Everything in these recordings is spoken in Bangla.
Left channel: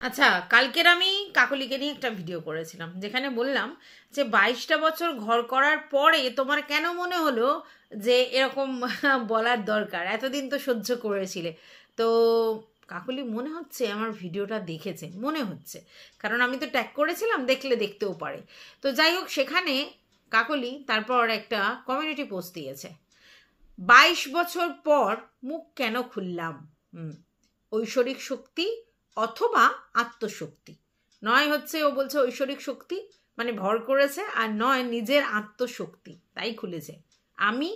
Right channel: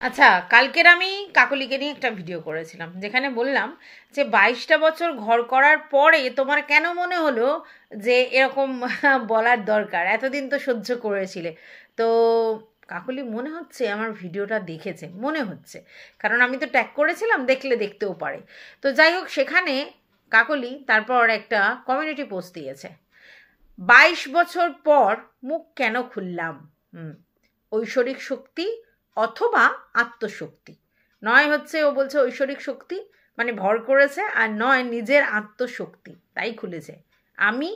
আচ্ছা, কালকের আমি কাকলিকে নিয়ে একটা ভিডিও করেছিলাম যেখানে বললাম যে 22টা বছর ঘর করার পরে তোমার কেন মনে হলো যে এরকম বলার দরকার, এতদিন তো সহ্য করেছিলে। তো কাকলি মনে হচ্ছে আমার ভিডিওটা দেখেছে, মনে হচ্ছে, কারণ আমি তো ট্যাগ করেছিলাম, দেখলে দেখতেও পারে। তো যাই হোক, সেখানে কাকলি তারপর একটা কমিউনিটি পোস্ট দিয়েছে, 22 বছর পর মুখ কেন খুললাম। ঐশ্বরিক শক্তি অথবা আত্মশক্তি, নয় হচ্ছে ও বলছে ঐশ্বরিক শক্তি মানে ভর করেছে, আর নয় নিজের আত্মশক্তি, তাই খুলেছে। আমি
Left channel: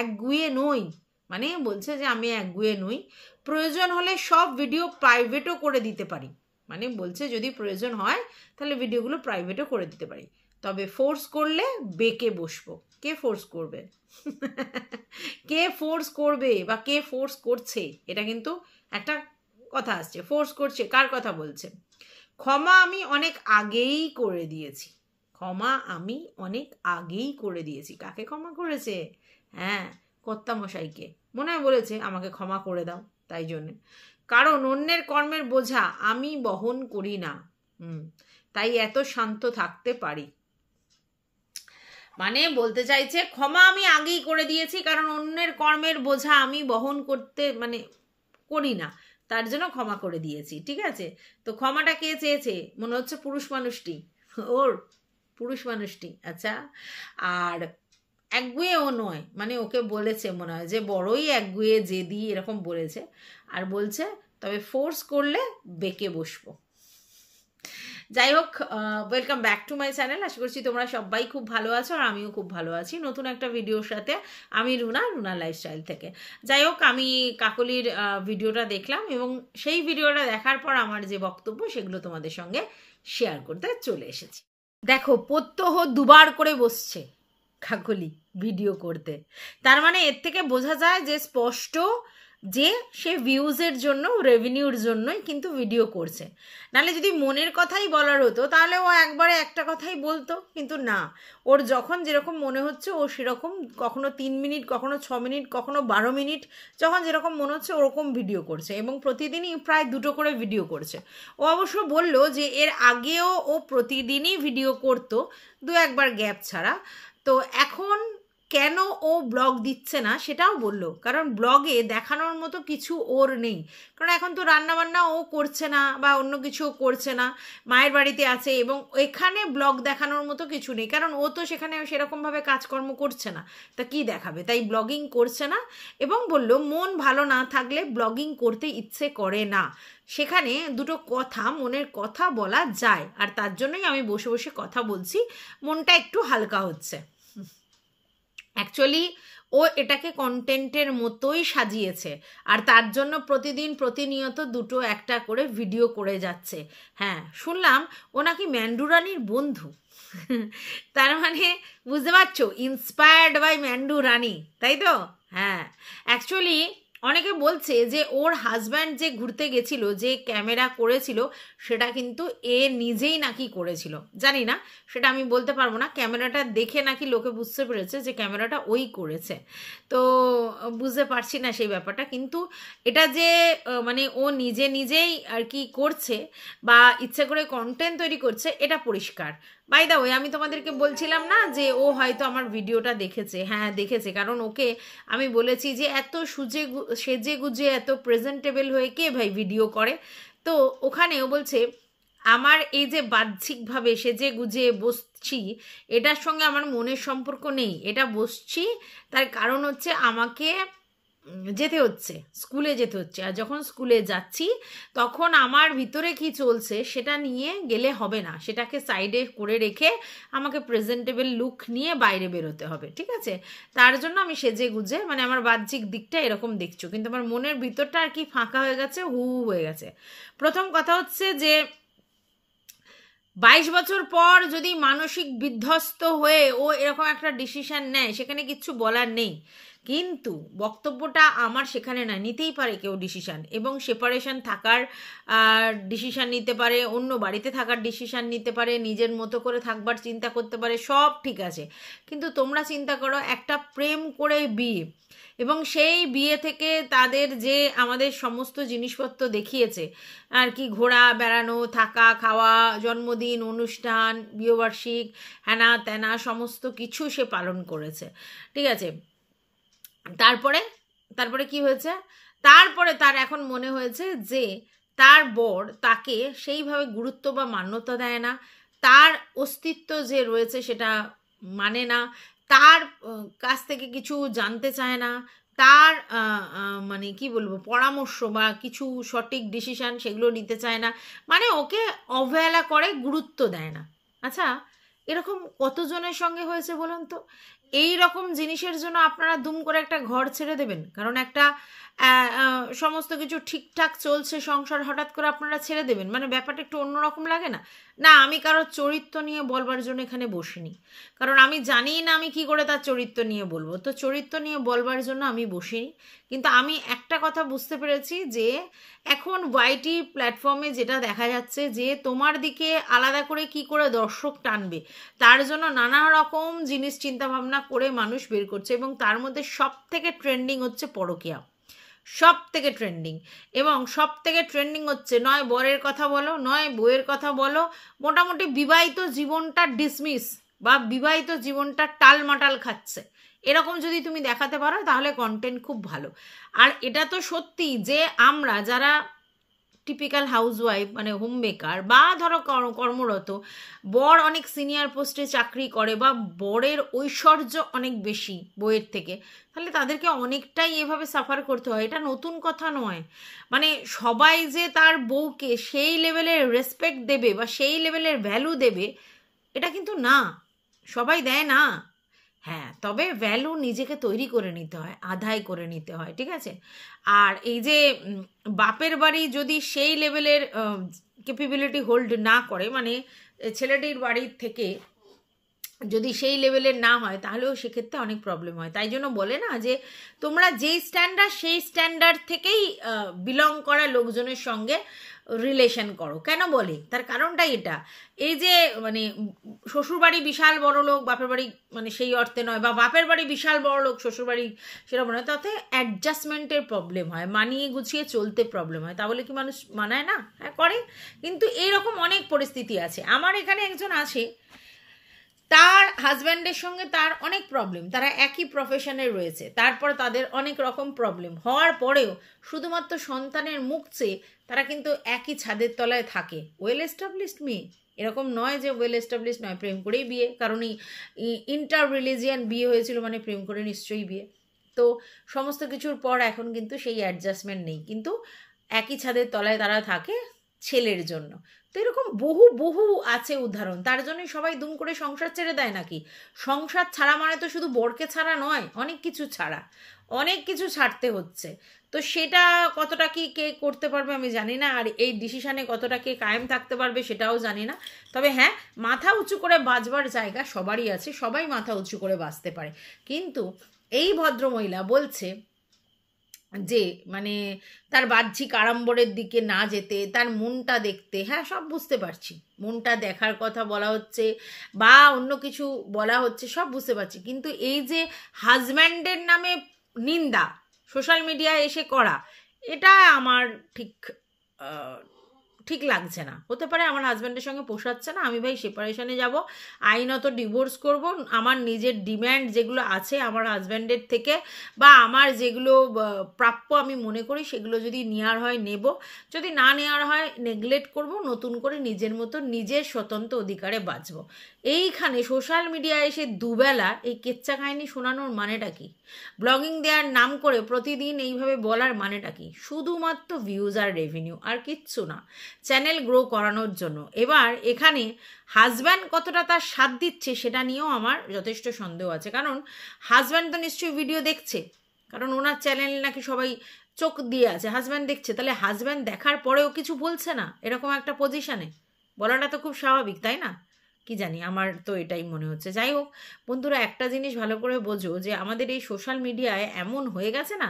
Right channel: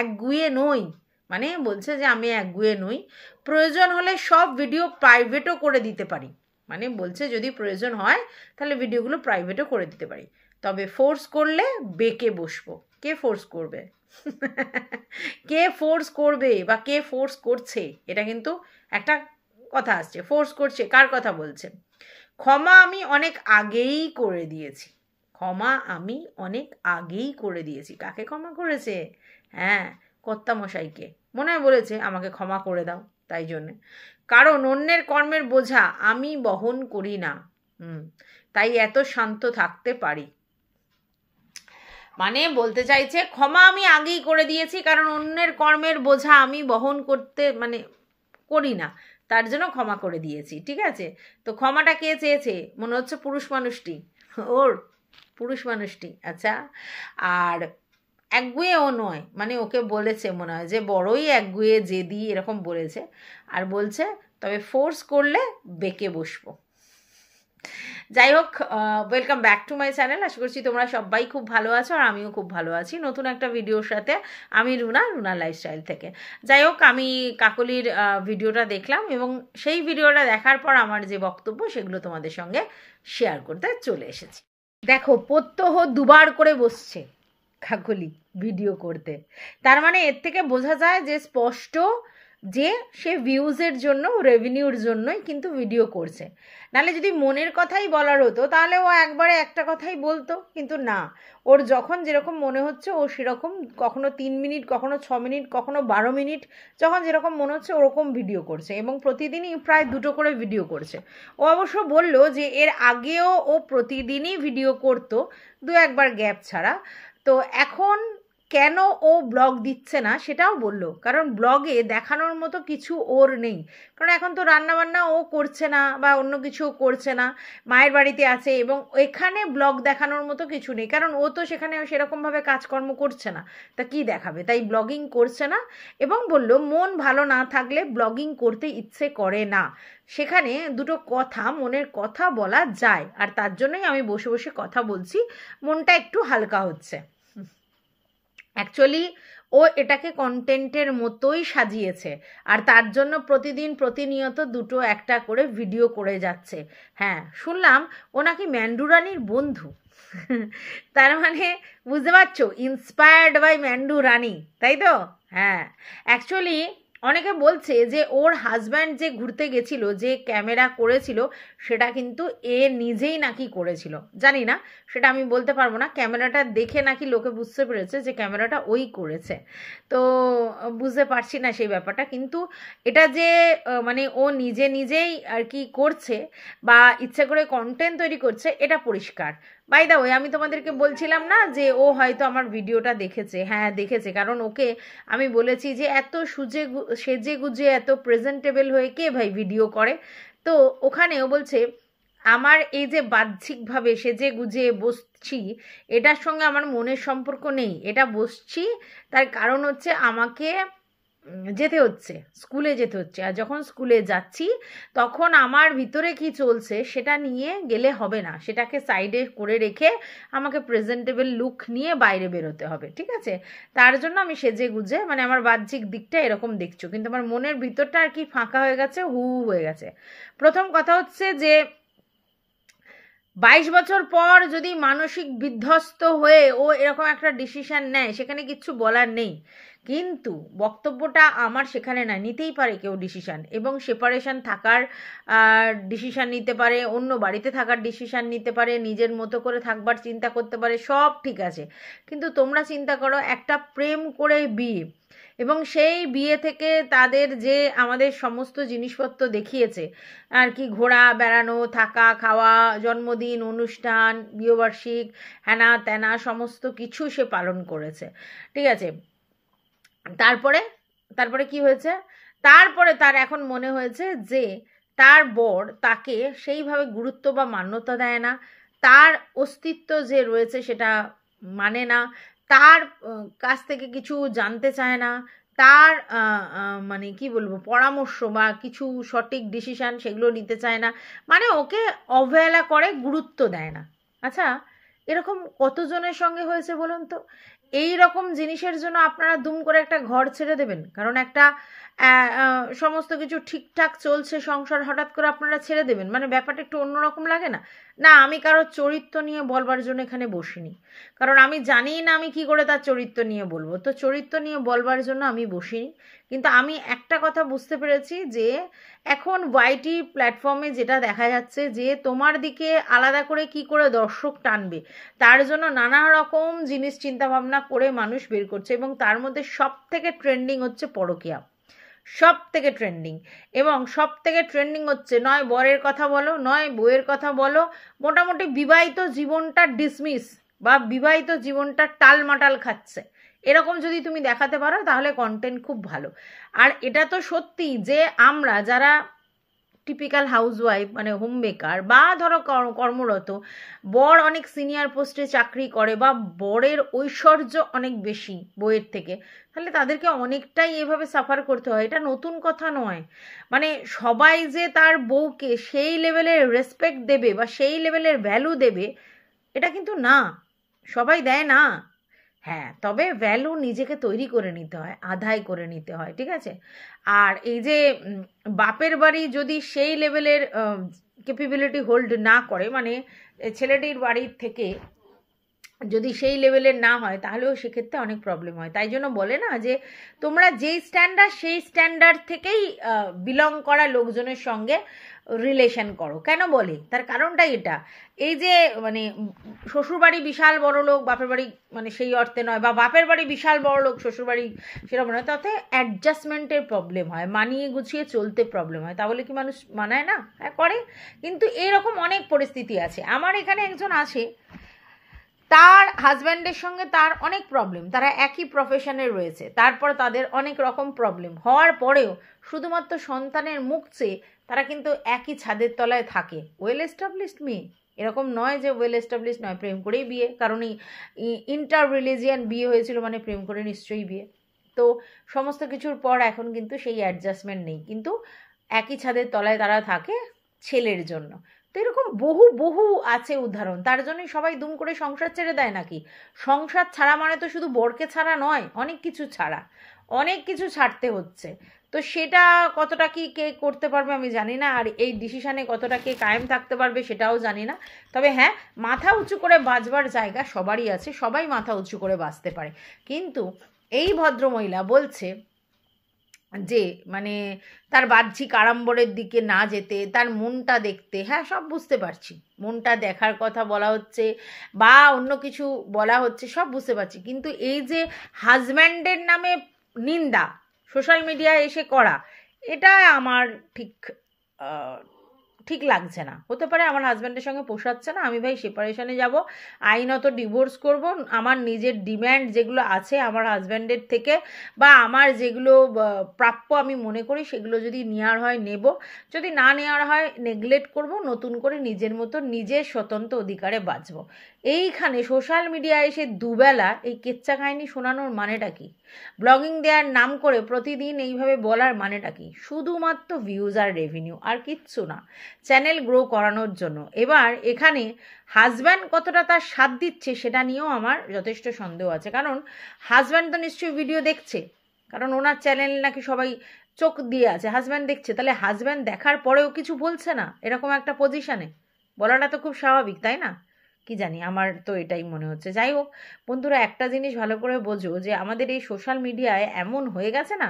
একগুঁয়ে নই, মানে বলছে যে আমি একগুঁয়ে নই, প্রয়োজন হলে সব ভিডিও প্রাইভেটও করে দিতে পারি, মানে বলছে যদি প্রয়োজন হয় তাহলে ভিডিওগুলো প্রাইভেটও করে দিতে পারি, তবে ফোর্স করলে বেঁকে বসবো। কে ফোর্স করবে? কে ফোর্স করবে বা কে ফোর্স করছে, এটা কিন্তু একটা কথা আসছে। ফোর্স করছে, কার কথা বলছে? ক্ষমা আমি অনেক আগেই করে দিয়েছি, ক্ষমা আমি অনেক আগেই করে দিয়েছি। কাকে ক্ষমা করেছে? হ্যাঁ, কর্তামশাইকে মনে হয় বলেছে আমাকে ক্ষমা করে দাও, তাই জন্যে, কারণ অন্যের কর্মের বোঝা আমি বহন করি না, তাই এত শান্ত থাকতে পারি। মানে বলতে চাইছে ক্ষমা আমি আগেই করে দিয়েছি, কারণ অন্যের কর্মের বোঝা আমি বহন করতে মানে করি না, তার জন্য ক্ষমা করে দিয়েছি। ঠিক আছে, তো ক্ষমাটা কে চেয়েছে? মনে হচ্ছে পুরুষ মানুষটি, ওর পুরুষ মানুষটি। আচ্ছা, আর একগুঁয়েও নয়, মানে ওকে বলেছে মনে হয় যে বড়ই একগুঁয়ে জেদি এরকম বলেছে, আর বলছে তবে ফোর্স করলে বেঁকে বসবো। যাই হোক, welcome back to my channel. আশা করছি তোমরা সবাই খুব ভালো আছো, আর আমিও খুব ভালো আছি নতুন একটা ভিডিওর সাথে। আমি রুনা লাইফস্টাইল থেকে। যাই হোক, আমি কাকলির ভিডিওটা দেখলাম এবং সেই ভিডিওটা দেখার পর আমার যে বক্তব্য সেগুলো তোমাদের সঙ্গে শেয়ার করতে চলে এসেছি। দেখো, প্রত্যহ দুবার করে বসছে কাকলি ভিডিও করতে, তার মানে এর থেকে বোঝা যায় যে স্পষ্ট যে সে ভিউজের জন্য, রেভিনিউর জন্যই কিন্তু ভিডিও করছে। নাহলে যদি মনের কথাই বলার হতো তাহলে ও একবারে একটা কথাই বলতো, কিন্তু না, ওর যখন যেরকম মনে হচ্ছে ও সেরকম, কখনো 3 মিনিট, কখনো 6 মিনিট, কখনো 12 মিনিট, যখন যেরকম মনে হচ্ছে ওরকম ভিডিও করছে, এবং প্রতিদিনই প্রায় 2টো করে ভিডিও করছে। ও অবশ্য বললো যে এর আগেও ও প্রতিদিনই ভিডিও করতো, 2-1বার গ্যাপ ছাড়া। তো এখন কেন ও ব্লগ দিচ্ছে না সেটাও বললো, কারণ ব্লগে দেখানোর মতো কিছু ওর নেই, কারণ এখন তো রান্নাবান্না ও করছে না বা অন্য কিছু করছে না, মায়ের বাড়িতে আছে, এবং এখানে ব্লগ দেখানোর মতো কিছু নেই, কারণ ও তো সেখানে সেরকমভাবে কাজকর্ম করছে না, তা কি দেখাবে, তাই ব্লগিং করছে না। এবং বলল মন ভালো না থাকলে ব্লগিং করতে ইচ্ছে করে না, সেখানে দুটো কথা, মনের কথা বলা যায়, আর তার জন্যই আমি বসে বসে কথা বলছি, মনটা একটু হালকা হচ্ছে। অ্যাকচুয়ালি ও এটাকে কন্টেন্টের মতোই সাজিয়েছে, আর তার জন্য প্রতিদিন প্রতিনিয়ত 2-1টা করে ভিডিও করে যাচ্ছে। হ্যাঁ, শুনলাম ও নাকি ম্যান্ডুরানির বন্ধু। তার মানে বুঝতে পারছো, ইন্সপায়ার্ড বাই ম্যান্ডু রানী, তাই তো? হ্যাঁ, অ্যাকচুয়ালি অনেকে বলছে যে ওর হাজব্যান্ড যে ঘুরতে গেছিল, যে ক্যামেরা করেছিল, সেটা কিন্তু এ নিজেই নাকি করেছিল। জানি না, সেটা আমি বলতে পারবো না, ক্যামেরাটা দেখে নাকি লোকে বুঝতে পেরেছে যে ক্যামেরাটা ওই করেছে, তো বুঝতে পারছি না সেই ব্যাপারটা, কিন্তু এটা যে মানে ও নিজেই আর কি করছে বা ইচ্ছে করে কন্টেন্ট তৈরি করছে, এটা পরিষ্কার। বাই দা ওয়ে, আমি তোমাদেরকে বলছিলাম না যে ও হয়তো আমার ভিডিওটা দেখেছে। হ্যাঁ, দেখেছে, কারণ ওকে আমি বলেছি যে এত সেজে গুজে এত প্রেজেন্টেবল হয়ে কে ভাই ভিডিও করে, তো ওখানে ও বলছে আমার এই যে বাহ্যিকভাবে সেজে গুজে বসছি, এটার সঙ্গে আমার মনের সম্পর্ক নেই, এটা বসছি তার কারণ হচ্ছে আমাকে যেতে হচ্ছে, স্কুলে যেতে হচ্ছে, আর যখন স্কুলে যাচ্ছি তখন আমার ভিতরে কি চলছে সেটা নিয়ে গেলে হবে না, সেটাকে সাইডে করে রেখে আমাকে প্রেজেন্টেবল লুক নিয়ে বাইরে বেরোতে হবে, ঠিক আছে? তার জন্য আমি সেজে গুজে, মানে আমার বাহ্যিক দিকটা এরকম দেখছো, কিন্তু আমার মনের ভিতরটা আর কি ফাঁকা হয়ে গেছে, হু হয়ে গেছে। প্রথম কথা হচ্ছে যে 22 বছর পর যদি মানসিক বিধ্বস্ত হয়ে ও এরকম একটা ডিসিশন নেয়, সেখানে কিচ্ছু বলার নেই, কিন্তু বক্তব্যটা আমার সেখানে না, নিতেই পারে কেউ ডিসিশন, এবং সেপারেশন থাকার ডিসিশন নিতে পারে, অন্য বাড়িতে থাকার ডিসিশন নিতে পারে, নিজের মতো করে থাকবার চিন্তা করতে পারে, সব ঠিক আছে, কিন্তু তোমরা চিন্তা করো একটা প্রেম করে বিয়ে, এবং সেই বিয়ে থেকে তাদের যে আমাদের সমস্ত জিনিসপত্র দেখিয়েছে আর কি, ঘোরা বেড়ানো, থাকা খাওয়া, জন্মদিন অনুষ্ঠান, বিয়েবার্ষিক, হ্যানা ত্যানা সমস্ত কিছু সে পালন করেছে, ঠিক আছে। তারপরে তারপরে কি হয়েছে, তারপরে তার এখন মনে হয়েছে যে তার বর তাকে সেইভাবে গুরুত্ব বা মান্যতা দেয় না, তার অস্তিত্ব যে রয়েছে সেটা মানে না, তার কাছ থেকে কিছু জানতে চায় না, তার মানে কি বলবো পরামর্শ বা কিছু সঠিক ডিসিশন সেগুলো নিতে চায় না, মানে ওকে অবহেলা করে, গুরুত্ব দেয় না। আচ্ছা, এরকম কতজনের সঙ্গে হয়েছে বলুন তো? এই রকম জিনিসের জন্য আপনারা দুম করে একটা ঘর ছেড়ে দেবেন? কারণ একটা সমস্ত কিছু ঠিকঠাক চলছে সংসার, হঠাৎ করে আপনারা ছেড়ে দেবেন, মানে ব্যাপারটা একটু অন্যরকম লাগে না? না, আমি কারোর চরিত্র নিয়ে বলবার জন্য এখানে বসিনি, কারণ আমি জানি না আমি কি করে তার চরিত্র নিয়ে বলবো, তো চরিত্র নিয়ে বলবার জন্য আমি বসিনি। কিন্তু আমি একটা কথা বুঝতে পেরেছি যে এখন ওয়াইটি প্ল্যাটফর্মে যেটা দেখা যাচ্ছে যে তোমার দিকে আলাদা করে কি করে দর্শক টানবে, তার জন্য নানা রকম জিনিস চিন্তা ভাবনা করে মানুষ বের করছে, এবং তার মধ্যে সব থেকে ট্রেন্ডিং হচ্ছে পরকীয়া, সব থেকে ট্রেন্ডিং। এবং সব থেকে ট্রেন্ডিং হচ্ছে নয় বরের কথা বলো, নয় বউয়ের কথা বলো, মোটামুটি বিবাহিত জীবনটা ডিসমিস বা বিবাহিত জীবনটা টালমাটাল খাচ্ছে, এরকম যদি তুমি দেখাতে পারো তাহলে কন্টেন্ট খুব ভালো। আর এটা তো সত্যি যে আমরা যারা টিপিক্যাল হাউসওয়াইফ মানে হোম মেকার বা ধরো কর্মরত, বর অনেক সিনিয়র পোস্টে চাকরি করে বা বরের ঐশ্বর্য অনেক বেশি বইয়ের থেকে, তাহলে তাদেরকে অনেকটাই এভাবে সাফার করতে হয়। এটা নতুন কথা নয়, মানে সবাই যে তার বউকে সেই লেভেলের রেসপেক্ট দেবে বা সেই লেভেলের ভ্যালু দেবে এটা কিন্তু না, সবাই দেয় না। হ্যাঁ, তবে ভ্যালু নিজেকে তৈরি করে নিতে হয়, আদায় করে নিতে হয়, ঠিক আছে। আর এই যে বাপের বাড়ি যদি সেই লেভেলের ক্যাপাবিলিটি হোল্ড না করে, মানে ছেলেটির বাড়ির থেকে যদি সেই লেভেলের না হয়, তাহলেও সেক্ষেত্রে অনেক প্রবলেম হয়। তাই জন্য বলে না যে তোমরা যেই স্ট্যান্ডার্ড সেই স্ট্যান্ডার্ড থেকেই বিলং করা লোকজনের সঙ্গে রিলেশন করো। কেন বলে? তার কারণটাই এটা, এই যে মানে শ্বশুরবাড়ি বিশাল বড় লোক, বাপের বাড়ি মানে সেই অর্থে নয়, বা বাপের বাড়ি বিশাল বড় লোক শ্বশুরবাড়ি সেরকম নয়, তাতে অ্যাডজাস্টমেন্টের প্রবলেম হয়, মানিয়ে গুছিয়ে চলতে প্রবলেম হয়। তা বলে কি মানুষ মানায় না? হ্যাঁ করে, কিন্তু এইরকম অনেক পরিস্থিতি আছে। আমার এখানে একজন আসে, তার হাজব্যান্ডের সঙ্গে তার অনেক প্রবলেম, তারা একই প্রফেশনে রয়েছে, তারপর তাদের অনেক রকম প্রবলেম হওয়ার পরেও শুধুমাত্র সন্তানের মুখ চেয়ে তারা কিন্তু একই ছাদের তলায় থাকে। ওয়েল এস্টাবলিশড মেয়ে, এরকম নয় যে ওয়েল এস্টাবলিশড নয়, প্রেম করেই বিয়ে, কারণ ইন্টার রিলিজিয়ান বিয়ে হয়েছিল মানে প্রেম করে নিশ্চয়ই বিয়ে। তো সমস্ত কিছুর পর এখন কিন্তু সেই অ্যাডজাস্টমেন্ট নেই, কিন্তু একই ছাদের তলায় তারা থাকে ছেলের জন্য। তো এরকম বহু বহু আছে উদাহরণ, তার জন্যই সবাই দুম করে সংসার ছেড়ে দেয় নাকি? সংসার ছাড়া মানে তো শুধু বরকে ছাড়া নয়, অনেক কিছু ছাড়া, অনেক কিছু ছাড়তে হচ্ছে। তো সেটা কতটা কি কে করতে পারবে আমি জানি না, আর এই ডিসিশানে কতটা কে কায়েম থাকতে পারবে সেটাও জানি না। তবে হ্যাঁ, মাথা উঁচু করে বাঁচবার জায়গা সবারই আছে, সবাই মাথা উঁচু করে বাঁচতে পারে। কিন্তু এই ভদ্রমহিলা বলছে যে মানে তার বাহ্যিক আড়ম্বরের দিকে না যেতে, তার মনটা দেখতে। হ্যাঁ, সব বুঝতে পারছি, মনটা দেখার কথা বলা হচ্ছে বা অন্য কিছু বলা হচ্ছে, সব বুঝতে পারছি, কিন্তু এই যে হাজব্যান্ডের নামে নিন্দা সোশ্যাল মিডিয়ায় এসে করা, এটা আমার ঠিক লাগছে না। হতে পারে আমার হাজব্যান্ডের সঙ্গে পোষাচ্ছে না, আমি ভাই সেপারেশনে যাব, আইনত ডিভোর্স করব, আমার নিজের ডিম্যান্ড যেগুলো আছে আমার হাজব্যান্ডের থেকে বা আমার যেগুলো প্রাপ্য আমি মনে করি সেগুলো যদি নেওয়ার হয় নেব, যদি না নেওয়ার হয় নেগলেক্ট করব, নতুন করে নিজের মতো নিজের স্বতন্ত্র অধিকারে বাঁচব। এইখানে সোশ্যাল মিডিয়ায় এসে দুবেলা এই কেচ্চা কাহিনী শোনানোর মানেটা কি? ব্লগিং দেওয়ার নাম করে প্রতিদিন এইভাবে বলার মানেটা কি? শুধুমাত্র ভিউজ আর রেভিনিউ, আর কিচ্ছু না, চ্যানেল গ্রো করানোর জন্য। এবার এখানে হাজব্যান্ড কতটা তার সাথ দিচ্ছে সেটা নিয়েও আমার যথেষ্ট সন্দেহ আছে, কারণ হাজব্যান্ড তো নিশ্চয়ই ভিডিও দেখছে, কারণ ওনার চ্যানেল নাকি সবাই চোখ দিয়ে আছে, হাজব্যান্ড দেখছে, তাহলে হাজব্যান্ড দেখার পরেও কিছু বলছে না এরকম একটা পজিশনে বলাটা তো খুব স্বাভাবিক, তাই না? কি জানি, আমার তো এটাই মনে হচ্ছে। যাই হোক বন্ধুরা, একটা জিনিস ভালো করে বোঝো যে আমাদের এই সোশ্যাল মিডিয়ায় এমন হয়ে গেছে না,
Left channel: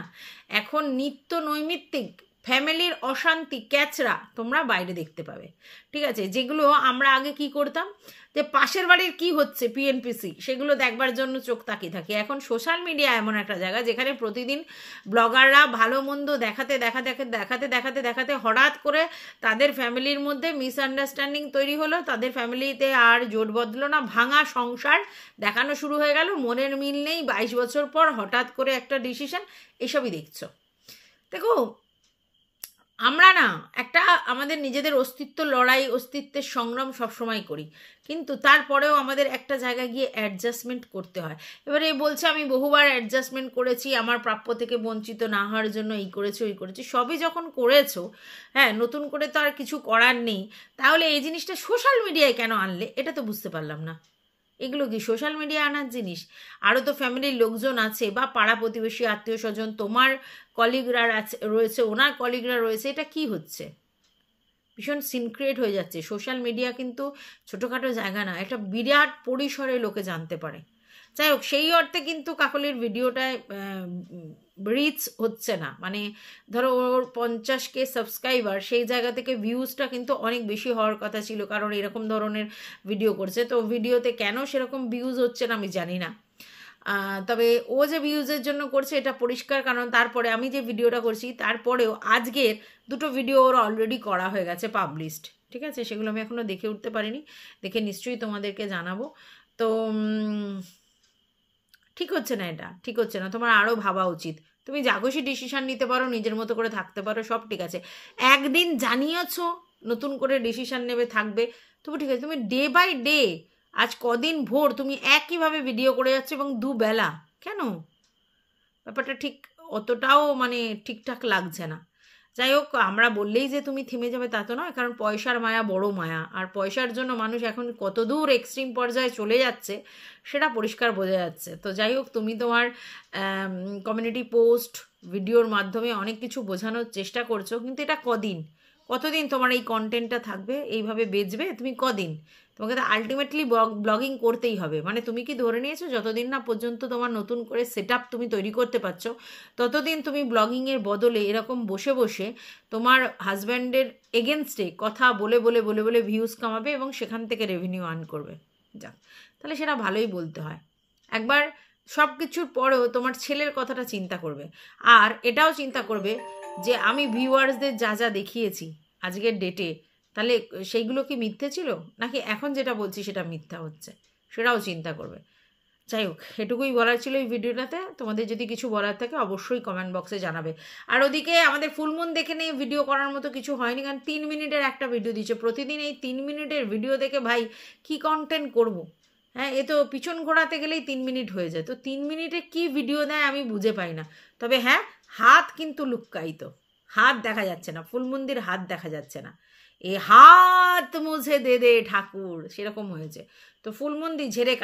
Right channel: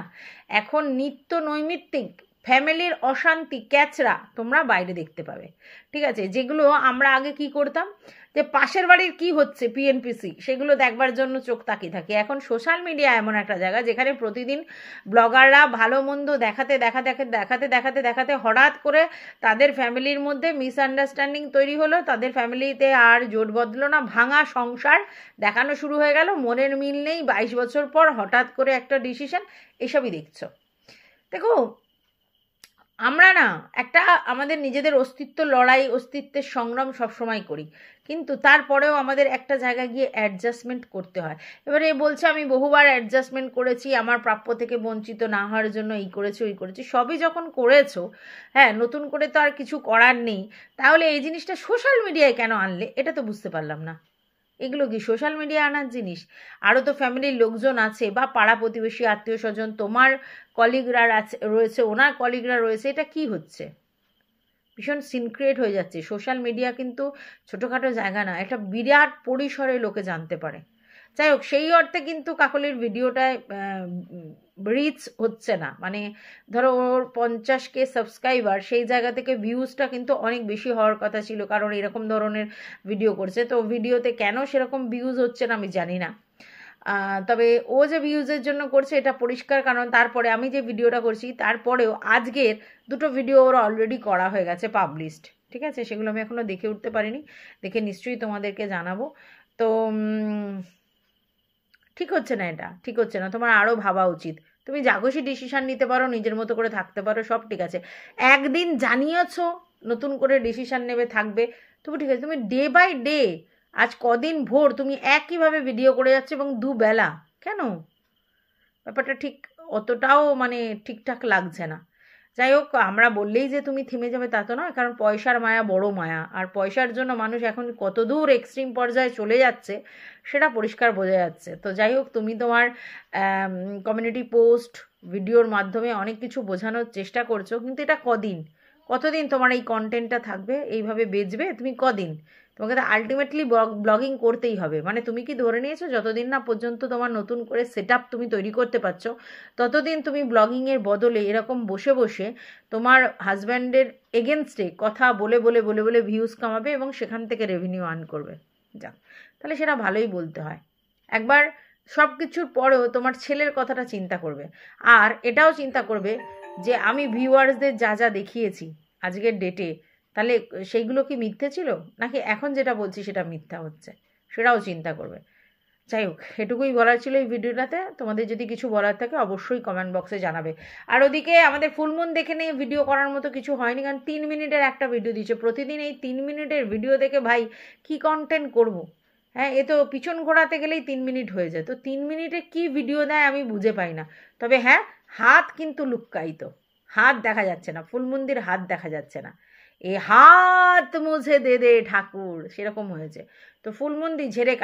এখন নিত্য নৈমিত্তিক ফ্যামিলির অশান্তি ক্যাচরা তোমরা বাইরে দেখতে পাবে, ঠিক আছে? যেগুলো আমরা আগে কি করতাম, যে পাশের বাড়ির কি হচ্ছে পিএনপিসি সেগুলো দেখবার জন্য চোখ তাকিয়ে থাকি। এখন সোশ্যাল মিডিয়া এমন একটা জায়গা যেখানে প্রতিদিন ব্লগাররা ভালো মন্দ দেখাতে দেখাতে দেখাতে দেখাতে দেখাতে হঠাৎ করে তাদের ফ্যামিলির মধ্যে মিসআন্ডারস্ট্যান্ডিং তৈরি হলো, তাদের ফ্যামিলিতে আর জোট বদলো না, ভাঙা সংসার দেখানো শুরু হয়ে গেল, মনের মিল নেই, 22 বছর পর হঠাৎ করে একটা ডিসিশন, এসবই দেখছো। দেখো আমরা না একটা আমাদের নিজেদের অস্তিত্ব লড়াই, অস্তিত্বের সংগ্রাম সবসময় করি, কিন্তু তারপরেও আমাদের একটা জায়গায় গিয়ে অ্যাডজাস্টমেন্ট করতে হয়। এবারে বলছে আমি বহুবার অ্যাডজাস্টমেন্ট করেছি আমার প্রাপ্য থেকে বঞ্চিত না হওয়ার জন্য, এই করেছি ওই করেছি, সবই যখন করেছো, হ্যাঁ, নতুন করে তো আর কিছু করার নেই, তাহলে এই জিনিসটা সোশ্যাল মিডিয়ায় কেন আনলে এটা তো বুঝতে পারলাম না। এগুলো কি সোশ্যাল মিডিয়া আনার জিনিস? আরও তো ফ্যামিলির লোকজন আছে বা পাড়া প্রতিবেশী আত্মীয় স্বজন, তোমার কলিগরা রয়েছে, ওনার কলিগরা রয়েছে, এটা কি হচ্ছে? ভীষণ সিনক্রিয়েট হয়ে যাচ্ছে। সোশ্যাল মিডিয়া কিন্তু ছোটোখাটো জায়গা না, একটা বিরাট পরিসরে লোকে জানতে পারে। যাই হোক, সেই অর্থে কিন্তু কাকলির ভিডিওটায় রিচ হচ্ছে না, মানে ধরো ওর 50K সাবস্ক্রাইবার, সেই জায়গা থেকে ভিউজটা কিন্তু অনেক বেশি হওয়ার কথা ছিল, কারণ এরকম ধরনের ভিডিও করছে। তো ভিডিওতে কেন সেরকম ভিউজ হচ্ছে না আমি জানি না, তবে ও যে ভিউজের জন্য করছে এটা পরিষ্কার, কারণ তারপরে আমি যে ভিডিওটা করছি তারপরেও আজকের 2টো ভিডিও ওর অলরেডি করা হয়ে গেছে পাবলিশড, ঠিক আছে? সেগুলো আমি এখনও দেখে উঠতে পারিনি, দেখে নিশ্চয়ই তোমাদেরকে জানাবো। তো ঠিক হচ্ছে না, এটা ঠিক হচ্ছে না, তোমার আরও ভাবা উচিত। তুমি যা খুশি ডিসিশান নিতে পারো, নিজের মতো করে থাকতে পারো, সব ঠিক আছে। একদিন জানিয়েছো নতুন করে ডিসিশান নেবে, থাকবে, তবু ঠিক আছে। তুমি ডে বাই ডে, আজ কদিন ভোর তুমি একইভাবে ভিডিও করে যাচ্ছে এবং দুবেলা, কেন? ব্যাপারটা ঠিক অতটাও মানে ঠিকঠাক লাগছে না। যাই হোক, আমরা বললেই যে তুমি থেমে যাবে তা তো নয়, কারণ পয়সার মায়া বড় মায়া, আর পয়সার জন্য মানুষ এখন কত দূর এক্সট্রিম পর্যায়ে চলে যাচ্ছে সেটা পরিষ্কার বোঝা যাচ্ছে। তো যাই হোক, তুমি তোমার কমিউনিটি পোস্ট ভিডিওর মাধ্যমে অনেক কিছু বোঝানোর চেষ্টা করছো, কিন্তু এটা কতদিন তোমার এই কন্টেন্টটা থাকবে, এইভাবে বেচবে তুমি কদিন? তোমাকে তো আলটিমেটলি ব্লগিং করতেই হবে। মানে তুমি কি ধরে নিয়েছো যতদিন না পর্যন্ত তোমার নতুন করে সেট আপ তুমি তৈরি করতে পারছো, ততদিন তুমি ব্লগিংয়ের বদলে এরকম বসে বসে তোমার হাজব্যান্ডের এগেনস্টে কথা বলে বলে বলে বলে ভিউজ কামাবে এবং সেখান থেকে রেভিনিউ আর্ন করবে। যাক, তাহলে সেটা ভালোই বলতে হয়। একবার সব কিছুর পরেও তোমার ছেলের কথাটা চিন্তা করবে, আর এটাও চিন্তা করবে যে আমি ভিউয়ার্সদের যা যা দেখিয়েছি আজকের ডেটে, তাহলে সেইগুলো কি মিথ্যে ছিল নাকি এখন যেটা বলছি সেটা মিথ্যা হচ্ছে, সেটাও চিন্তা করবে। যাই হোক, এটুকুই বলার ছিল এই ভিডিওটাতে। তোমাদের যদি কিছু বলার থাকে অবশ্যই কমেন্ট বক্সে জানাবে। আর ওদিকে আমাদের ফুলমুন দেখে নিয়ে ভিডিও করার মতো কিছু হয়নি, কারণ 3 মিনিটের একটা ভিডিও দিচ্ছে। প্রতিদিন এই 3 মিনিটের ভিডিও দেখে ভাই কি কন্টেন্ট করব? হ্যাঁ, এ তো পিছন ঘোরাতে গেলেই 3 মিনিট হয়ে যায়। তো 3 মিনিটে কি ভিডিও দেয় আমি বুঝে পাই না। তবে হ্যাঁ, হাত কিন্তু লুক্কায়িত, হাত দেখা যাচ্ছে না, ফুলমন্দির হাত দেখা যাচ্ছে না। এ হাত মুছে দে দে ঠাকুর, সেরকম হয়েছে। তো ফুলমন্দি ঝেড়ে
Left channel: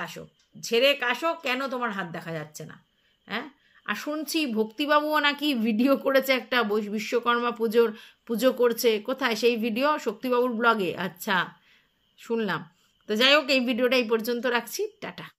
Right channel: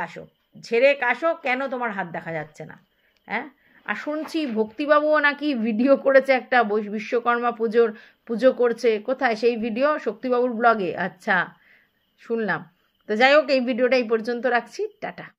কাশো, কেন তোমার হাত দেখা যাচ্ছে না? হ্যাঁ, আর শুনছি ভক্তিবাবুও নাকি ভিডিও করেছে একটা, বিশ্বকর্মা পুজো করছে। কোথায় সেই ভিডিও? শক্তিবাবুর ব্লগে? আচ্ছা, শুনলাম। তো যাই হোক, এই ভিডিওটা এই পর্যন্ত রাখছি, টাটা।